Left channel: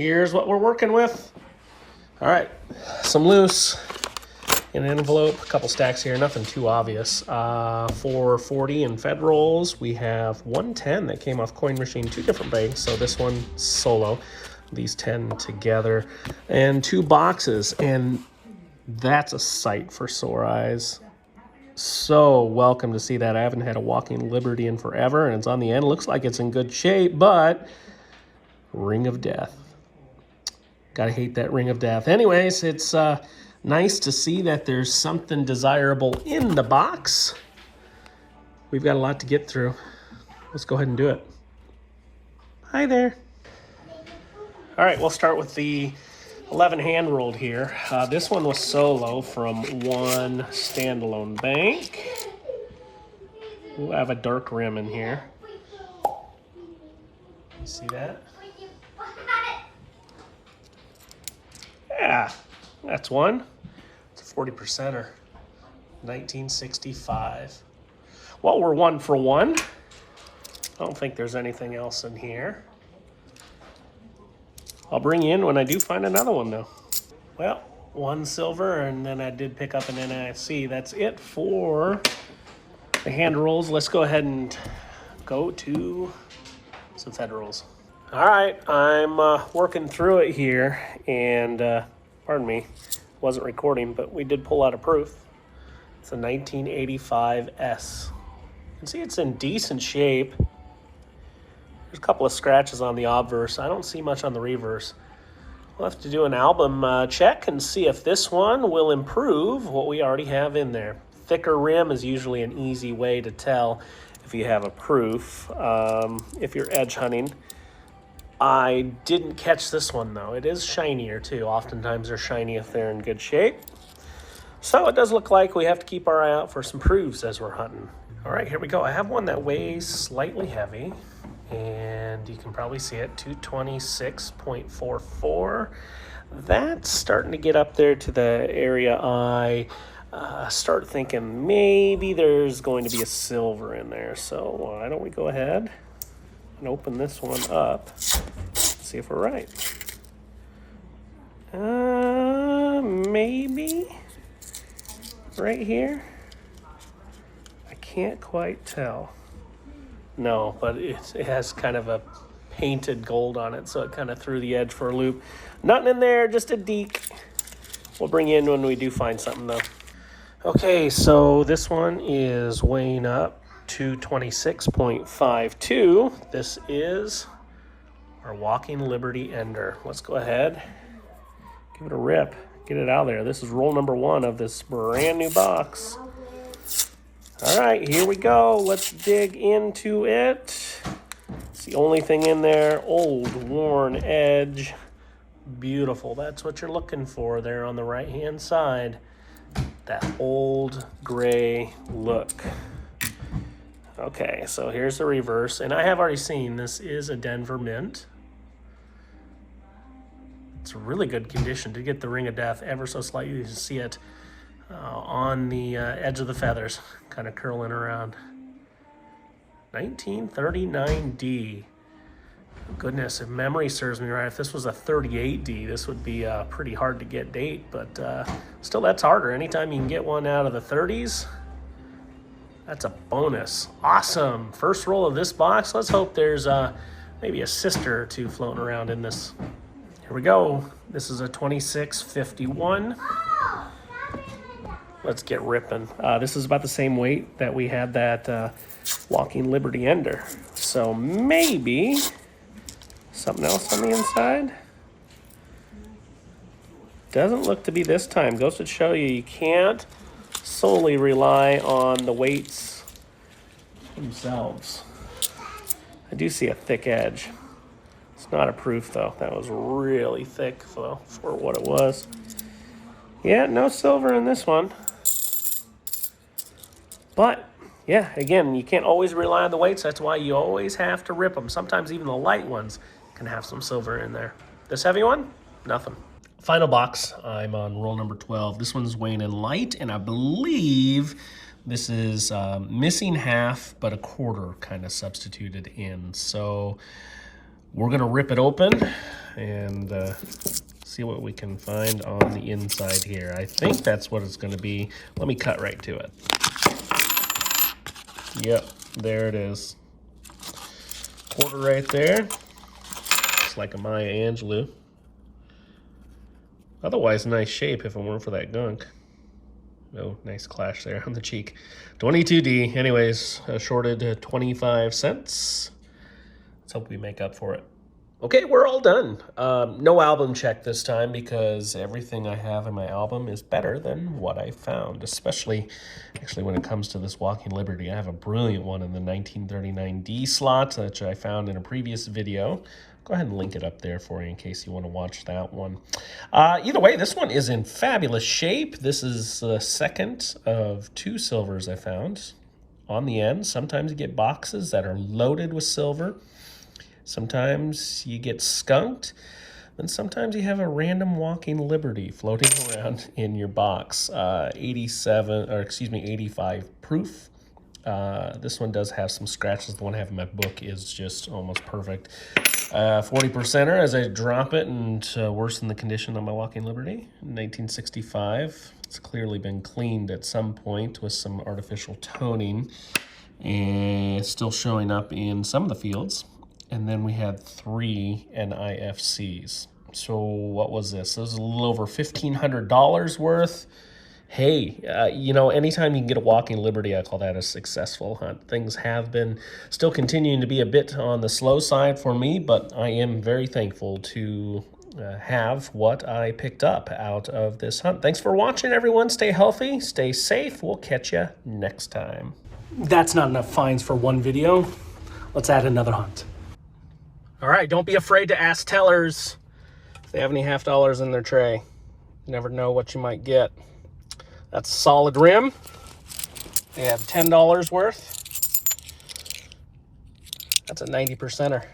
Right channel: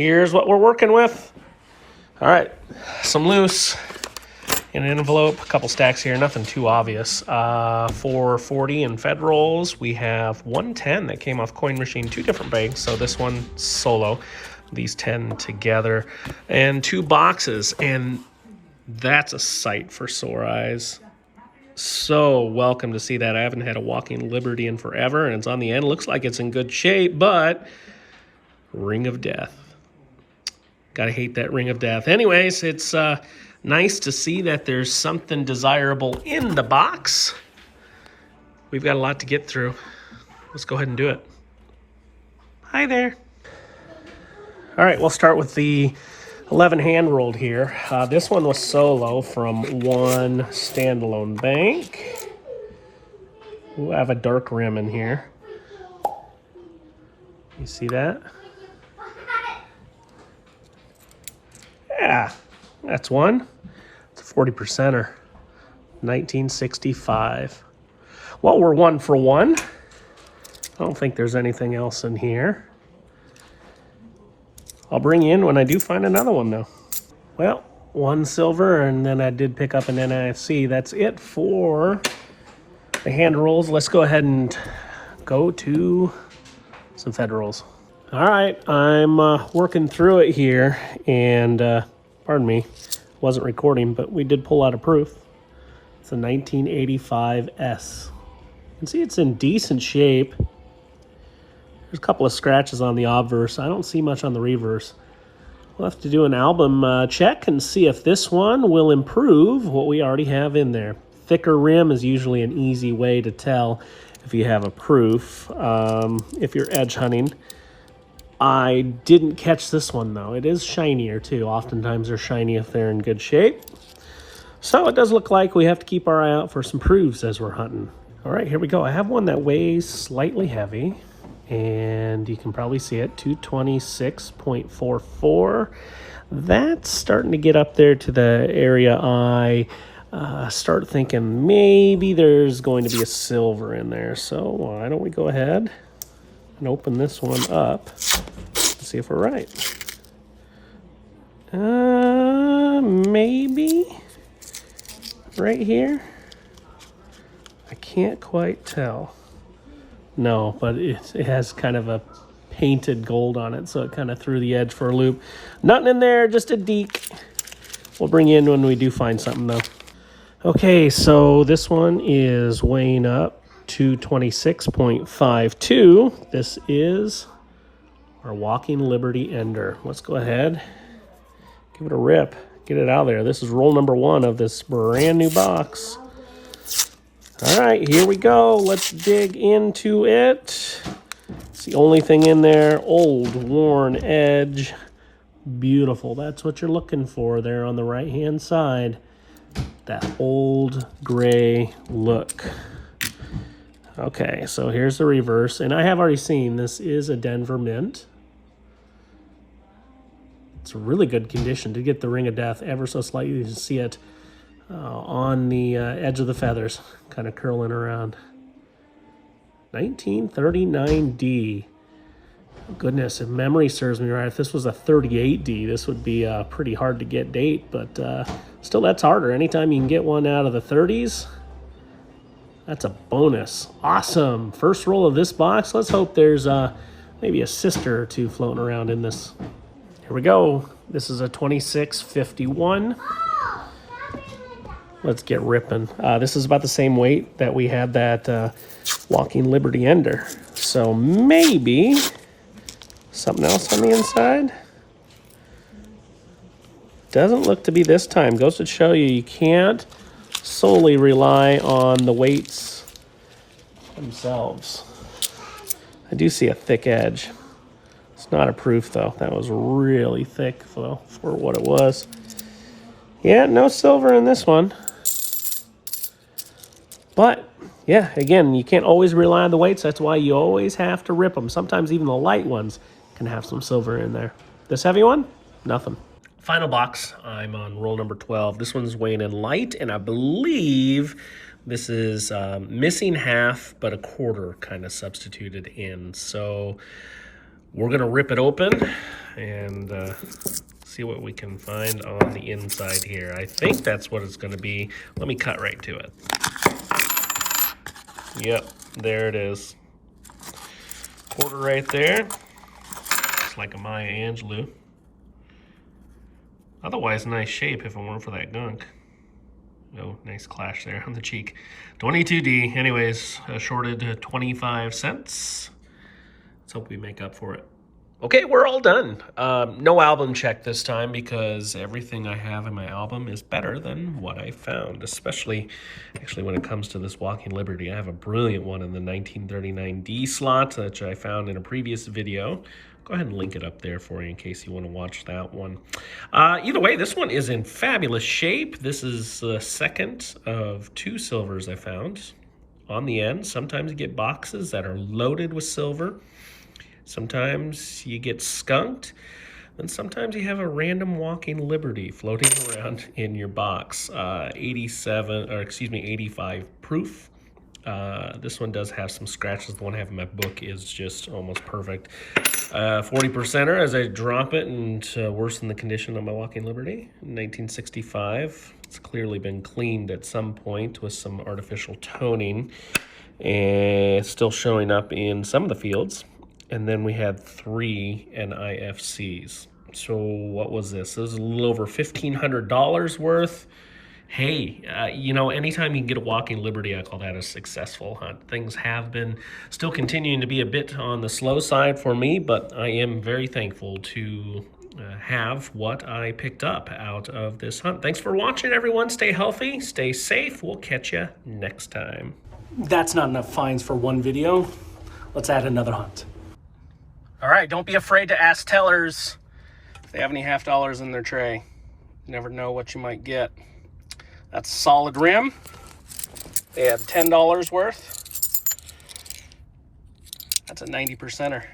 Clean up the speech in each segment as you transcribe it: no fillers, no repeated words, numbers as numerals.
here's what we're working with. All right, some loose in an envelope, a couple stacks here, nothing too obvious. 440 in Fed rolls. We have 110 that came off Coin Machine, 2 different banks. So this one solo, these 10 together, and 2 boxes. And that's a sight for sore eyes. So welcome to see that. I haven't had a Walking Liberty in forever, and it's on the end. Looks like it's in good shape, but Ring of Death. Gotta hate that Ring of Death. Anyways, it's nice to see that there's something desirable in the box. We've got a lot to get through. Let's go ahead and do it. Hi there. All right, we'll start with the 11 hand rolled here. This one was solo from one standalone bank. Ooh, I have a dark rim in here. You see that? Yeah, that's one. It's a 40%er. 1965. Well, we're 1 for 1. I don't think there's anything else in here. I'll bring you in when I do find another one, though. Well, 1 silver, and then I did pick up an NFC. That's it for the hand rolls. Let's go ahead and go to some Fed rolls. All right, I'm working through it here, and pardon me, wasn't recording, but we did pull out a proof. It's a 1985 S. You can see it's in decent shape. There's a couple of scratches on the obverse. I don't see much on the reverse. We'll have to do an album check and see if this one will improve what we already have in there. Thicker rim is usually an easy way to tell if you have a proof, if you're edge hunting. I didn't catch this one though. It is shinier too. Oftentimes they're shiny if they're in good shape. So it does look like we have to keep our eye out for some proofs as we're hunting. All right, here we go. I have one that weighs slightly heavy, and you can probably see it, 226.44. That's starting to get up there to the area I start thinking maybe there's going to be a silver in there. So why don't we go ahead and open this one up and see if we're right. Maybe right here. I can't quite tell. No, but it has kind of a painted gold on it, so it kind of threw the edge for a loop. Nothing in there, just a deke. We'll bring you in when we do find something though. Okay, so this one is weighing up to 26.52. This is our Walking Liberty Ender. Let's go ahead, give it a rip, get it out of there. This is roll number 1 of this brand new box. All right, here we go. Let's dig into it. It's the only thing in there. Old, worn edge. Beautiful. That's what you're looking for there on the right-hand side. That old gray look. Okay, so here's the reverse. And I have already seen this is a Denver Mint. It's a really good condition to get the Ring of Death ever so slightly. You can see it on the edge of the feathers, kind of curling around. 1939D. Goodness, if memory serves me right, if this was a 38D, this would be a pretty hard to get date, but still that's harder. Anytime you can get one out of the 30s, that's a bonus. Awesome. First roll of this box. Let's hope there's maybe a sister or two floating around in this. Here we go. This is a 2651. Let's get ripping. This is about the same weight that we had that Walking Liberty Ender. So maybe something else on the inside. Doesn't look to be this time. Goes to show you, you can't solely rely on the weights themselves. I do see a thick edge. It's not a proof though. That was really thick though for what it was. Yeah, no silver in this one. But yeah, again, you can't always rely on the weights. That's why you always have to rip them. Sometimes even the light ones can have some silver in there. This heavy one, nothing. Final box, I'm on roll number 12. This one's weighing in light, and I believe this is missing half, but a quarter kind of substituted in. So we're gonna rip it open and see what we can find on the inside here. I think that's what it's going to be. Let me cut right to it. Yep, there it is. Quarter right there. It's like a Maya Angelou. Otherwise, nice shape if it weren't for that gunk. Oh, nice clash there on the cheek. 22D. Anyways, shorted 25 cents. Let's hope we make up for it. Okay, we're all done. No album check this time because everything I have in my album is better than what I found, especially actually when it comes to this Walking Liberty. I have a brilliant one in the 1939D slot, which I found in a previous video. Go ahead and link it up there for you in case you want to watch that one. Either way, this one is in fabulous shape. This is the second of 2 silvers I found on the end. Sometimes you get boxes that are loaded with silver. Sometimes you get skunked, and sometimes you have a random Walking Liberty floating around in your box. 85 proof. This one does have some scratches. The one I have in my book is just almost perfect. 40%er as I drop it and worsen the condition on my Walking Liberty. 1965. It's clearly been cleaned at some point with some artificial toning, and it's still showing up in some of the fields. And then we had 3 NIFCs. So what was this? This was a little over $1,500 worth. Hey, you know, anytime you can get a Walking Liberty, I call that a successful hunt. Things have been still continuing to be a bit on the slow side for me, but I am very thankful to have what I picked up out of this hunt. Thanks for watching, everyone. Stay healthy, stay safe. We'll catch you next time. That's not enough finds for one video. Let's add another hunt. All right, don't be afraid to ask tellers if they have any half dollars in their tray. You never know what you might get. That's a solid rim. They have $10 worth. That's a 90%er.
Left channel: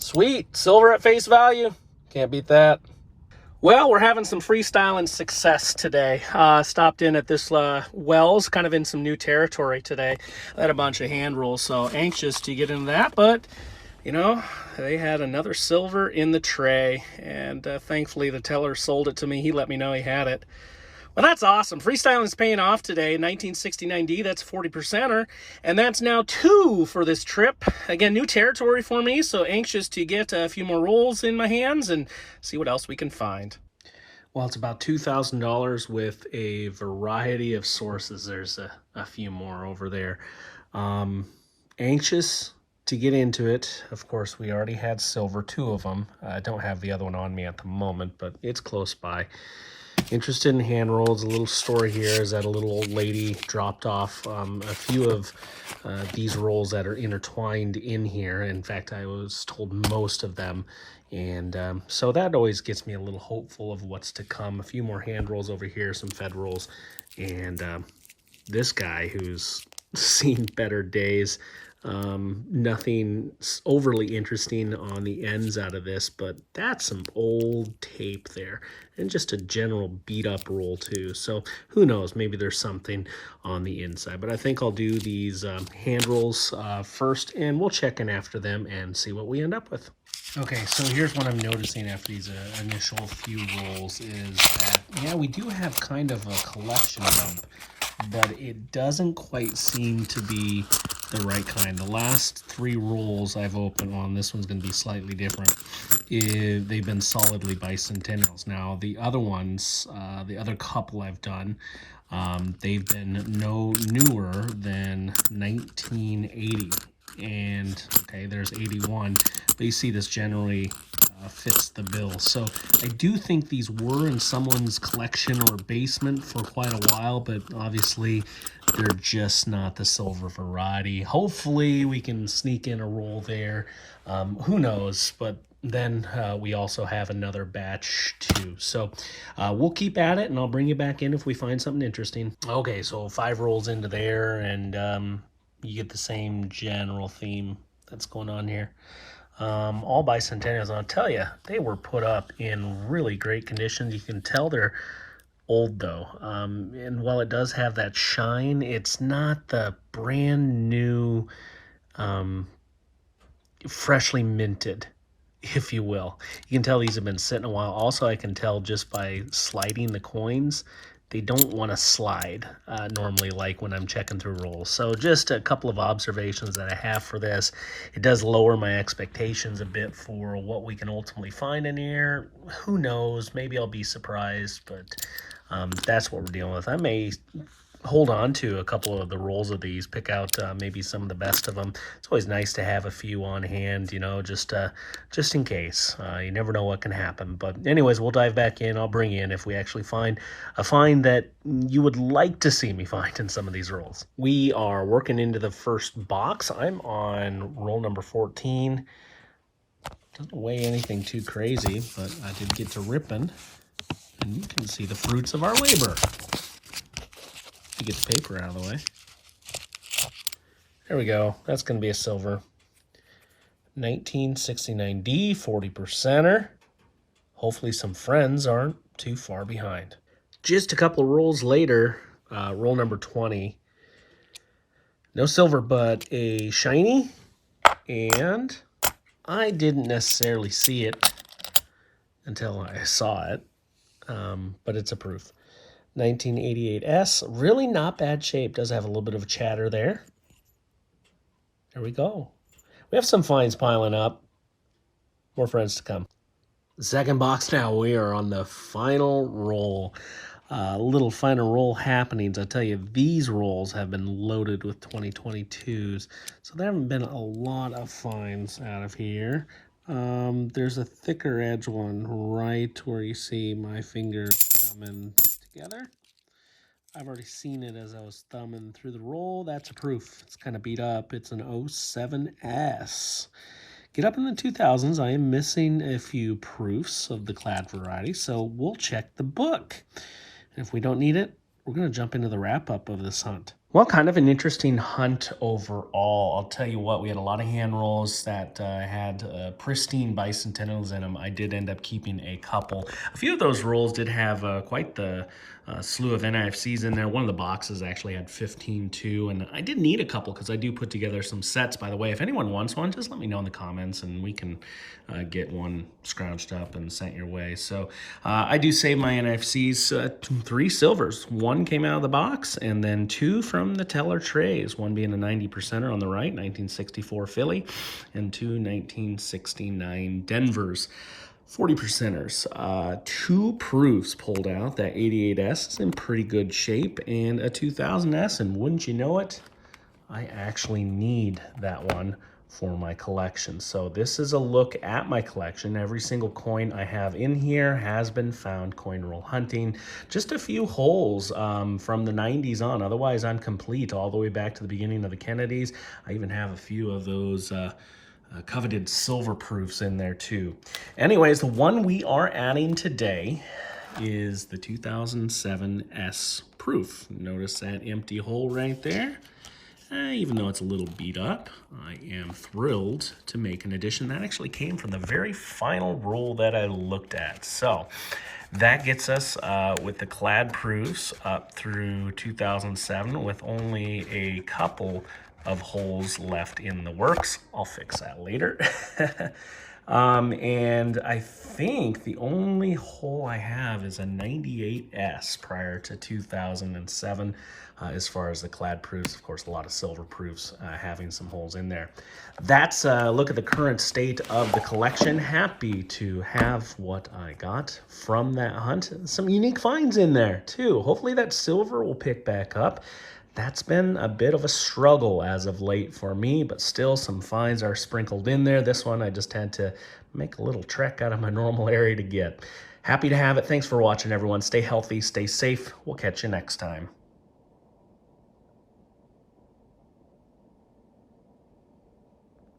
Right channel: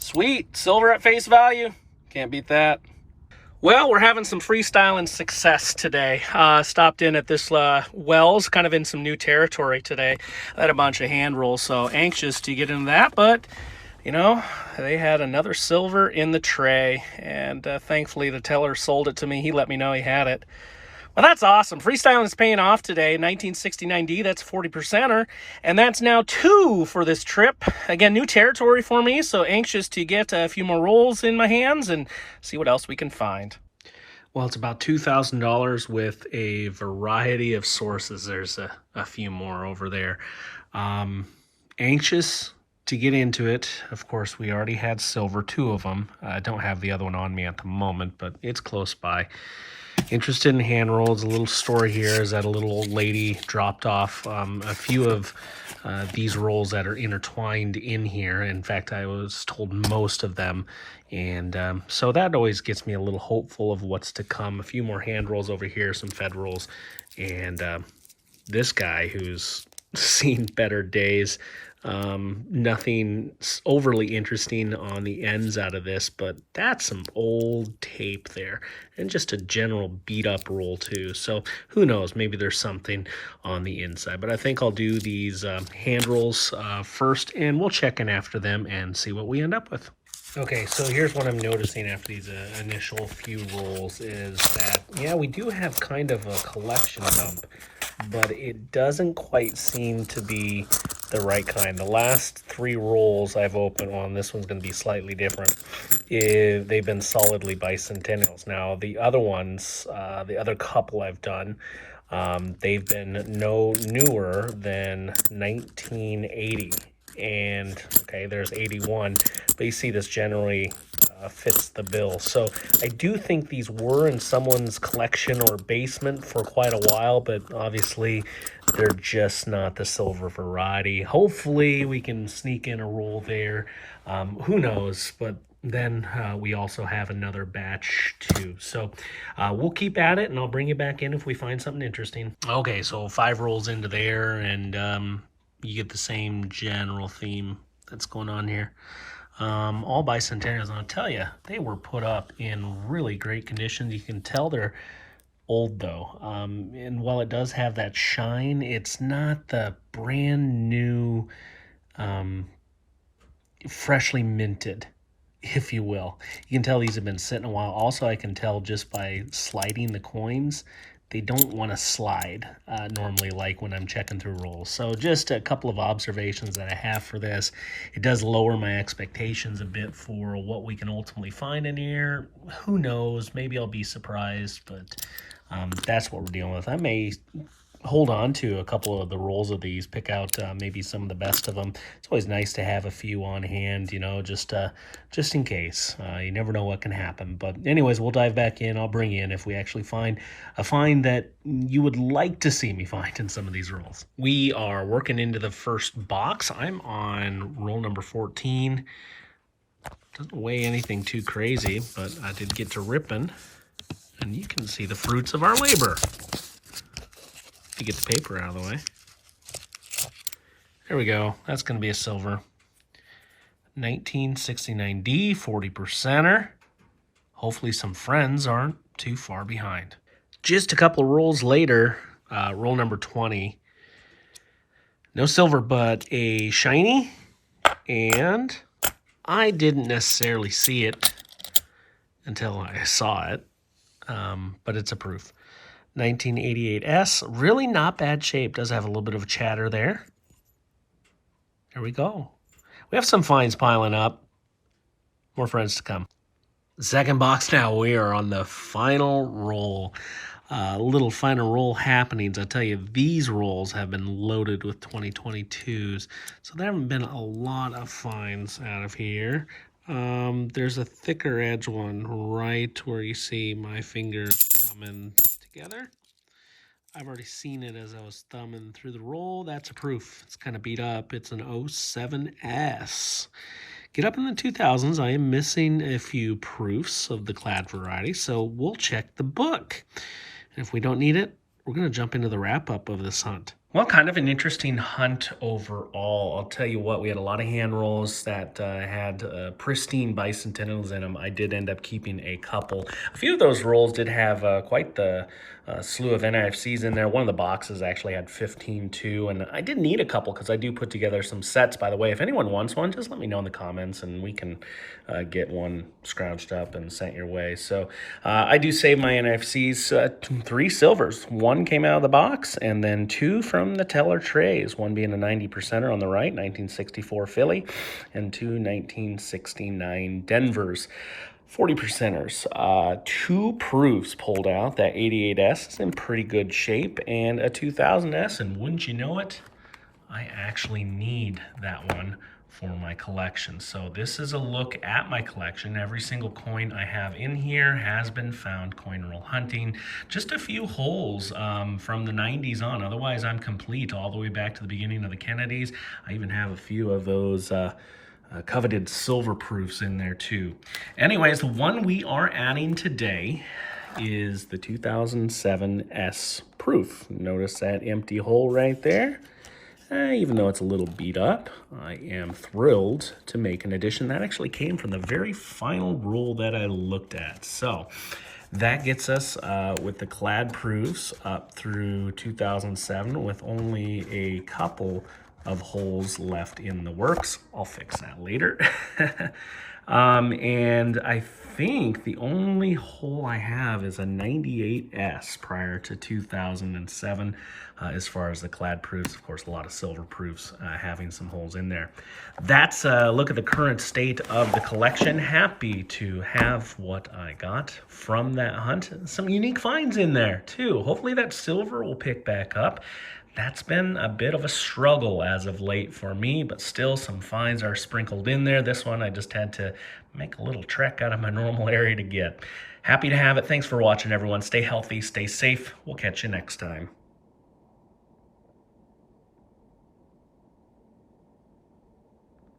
Sweet, silver at face value. Can't beat that. Well, we're having some freestyling success today. Stopped in at this Wells, kind of in some new territory today. I had a bunch of hand rolls, so anxious to get into that, but you know, they had another silver in the tray, and thankfully the teller sold it to me. He let me know he had it. Well, that's awesome. Freestyling is paying off today. 1969D, that's 40%er, and that's now 2 for this trip. Again, new territory for me, so anxious to get a few more rolls in my hands and see what else we can find. Well, it's about $2,000 with a variety of sources. There's a few more over there. Anxious to get into it. Of course, we already had silver, 2 of them. I don't have the other one on me at the moment, but it's close by. Interested in hand rolls. A little story here is that a little old lady dropped off a few of these rolls that are intertwined in here. In fact, I was told most of them. And so that always gets me a little hopeful of what's to come. A few more hand rolls over here, some Fed rolls. And this guy who's seen better days. Nothing overly interesting on the ends out of this, but that's some old tape there and just a general beat up roll too. So who knows, maybe there's something on the inside, but I think I'll do these hand rolls first, and we'll check in after them and see what we end up with. Okay, so here's what I'm noticing after these initial few rolls is that, yeah, we do have kind of a collection of them, but it doesn't quite seem to be the right kind. The last 3 rolls I've opened on, this one's going to be slightly different. They've been solidly bicentennials. Now, the other ones, the other couple I've done, they've been no newer than 1980. And okay, there's 81, but you see this generally fits the bill. So I do think these were in someone's collection or basement for quite a while, but obviously they're just not the silver variety. Hopefully we can sneak in a roll there. Who knows, but then we also have another batch too. So we'll keep at it, and I'll bring you back in if we find something interesting. Okay, so 5 rolls into there, and you get the same general theme that's going on here. All bicentennials, and I'll tell you, they were put up in really great condition. You can tell they're old though, and while it does have that shine, it's not the brand new freshly minted if you will. You can tell these have been sitting a while. Also, I can tell just by sliding the coins, they don't want to slide normally like when I'm checking through rolls. So just a couple of observations that I have for this. It does lower my expectations a bit for what we can ultimately find in here. Who knows? Maybe I'll be surprised, but that's what we're dealing with. I may hold on to a couple of the rolls of these, pick out maybe some of the best of them. It's always nice to have a few on hand, you know, just in case. You never know what can happen. But anyways, we'll dive back in. I'll bring you in if we actually find a find that you would like to see me find in some of these rolls. We are working into the first box. I'm on roll number 14. Doesn't weigh anything too crazy, but I did get to ripping, and you can see the fruits of our labor. To get the paper out of the way. There we go. That's going to be a silver. 1969D, 40%er. Hopefully some friends aren't too far behind. Just a couple of rolls later, roll number 20. No silver, but a shiny. And I didn't necessarily see it until I saw it, but it's a proof. 1988S, really not bad shape. Does have a little bit of a chatter there. There we go. We have some finds piling up. More friends to come. Second box now. We are on the final roll. Little final roll happenings. I tell you, these rolls have been loaded with 2022s. So there haven't been a lot of finds out of here. There's a thicker edge one right where you see my finger coming together. I've already seen it as I was thumbing through the roll. That's a proof. It's kind of beat up. It's an 07S. Get up in the 2000s. I am missing a few proofs of the clad variety, so we'll check the book. And if we don't need it, we're going to jump into the wrap-up of this hunt. Well, kind of an interesting hunt overall. I'll tell you what, we had a lot of hand rolls that had pristine bicentennials in them. I did end up keeping a couple. A few of those rolls did have quite the slew of NIFCs in there. One of the boxes actually had 15 too, and I did need a couple because I do put together some sets, by the way. If anyone wants one, just let me know in the comments and we can get one scrounged up and sent your way. So I do save my NIFCs, 3 silvers. 1 came out of the box and then 2 from the teller trays, one being a 90%er on the right, 1964 Philly, and 2 1969 Denvers. 40%ers. 2 proofs pulled out. That 88S is in pretty good shape, and a 2000S, and wouldn't you know it, I actually need that one for my collection. So this is a look at my collection. Every single coin I have in here has been found coin roll hunting. Just a few holes from the 90s on. Otherwise, I'm complete all the way back to the beginning of the Kennedys. I even have a few of those coveted silver proofs in there too. Anyways, the one we are adding today is the 2007 S proof. Notice that empty hole right there. Even though it's a little beat up, I am thrilled to make an addition. That actually came from the very final roll that I looked at. So that gets us with the clad proofs up through 2007 with only a couple of holes left in the works. I'll fix that later. And I think the only hole I have is a 98S prior to 2007 as far as the clad proofs. Of course, a lot of silver proofs having some holes in there. That's a look at the current state of the collection. Happy to have what I got from that hunt. Some unique finds in there too. Hopefully that silver will pick back up. That's been a bit of a struggle as of late for me, but still some finds are sprinkled in there. This one I just had to make a little trek out of my normal area to get. Happy to have it. Thanks for watching, everyone. Stay healthy, stay safe. We'll catch you next time.